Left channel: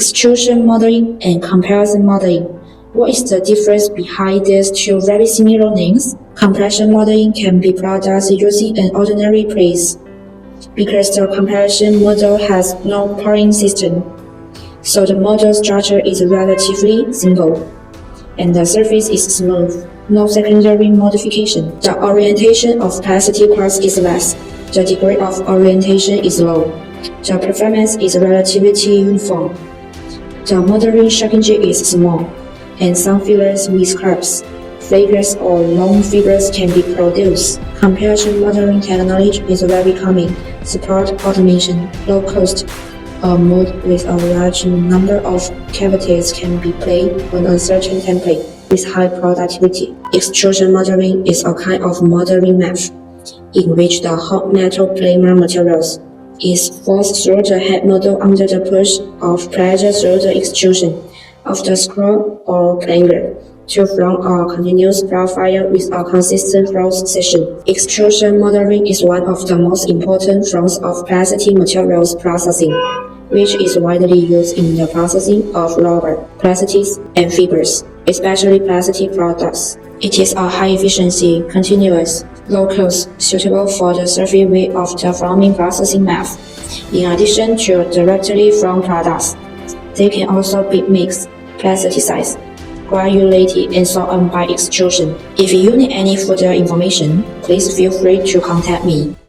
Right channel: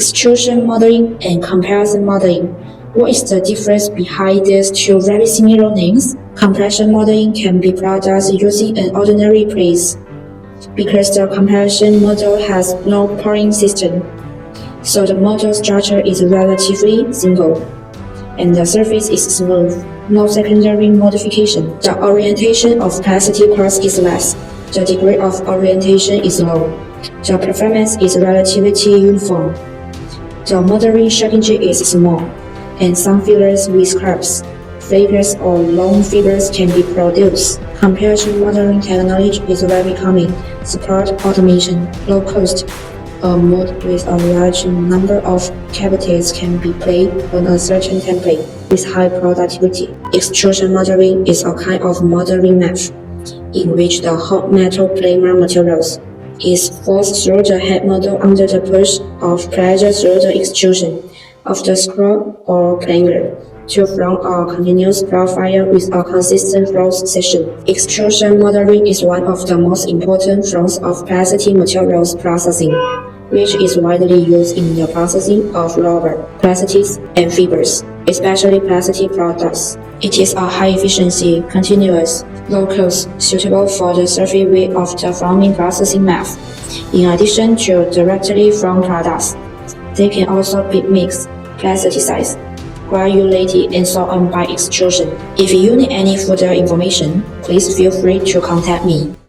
Extrusion modeling and comparison modeling. What is the difference behind these two very similar names? Compression modeling can be produced using an ordinary press, because the compression model has no pouring system, so the model structure is relatively simple, and the surface is smooth, no secondary modification. The orientation of plastic crust is less. The degree of orientation is low. The performance is relatively uniform. The modeling shrinkage is small, and some fibers with curves, fibers or long fibers can be produced. Compression modeling technology is very common. Support automation, low cost. A mold with a large number of cavities can be played on a certain template with high productivity. Extrusion modeling is a kind of modeling method in which the hot metal polymer materials is forced through the head model under the push of pressure through the extrusion of the screw or planer to form a continuous profile with a consistent cross section. Extrusion modeling is one of the most important forms of plastic materials processing, which is widely used in the processing of rubber, plastics, and fibers, especially plastic products. It is a high-efficiency, continuous, low-cost, suitable for the surface way of the forming processing method. In addition to directly from products, they can also be mixed, plasticized, granulated, and so on by extrusion. If you need any further information, please feel free to contact me.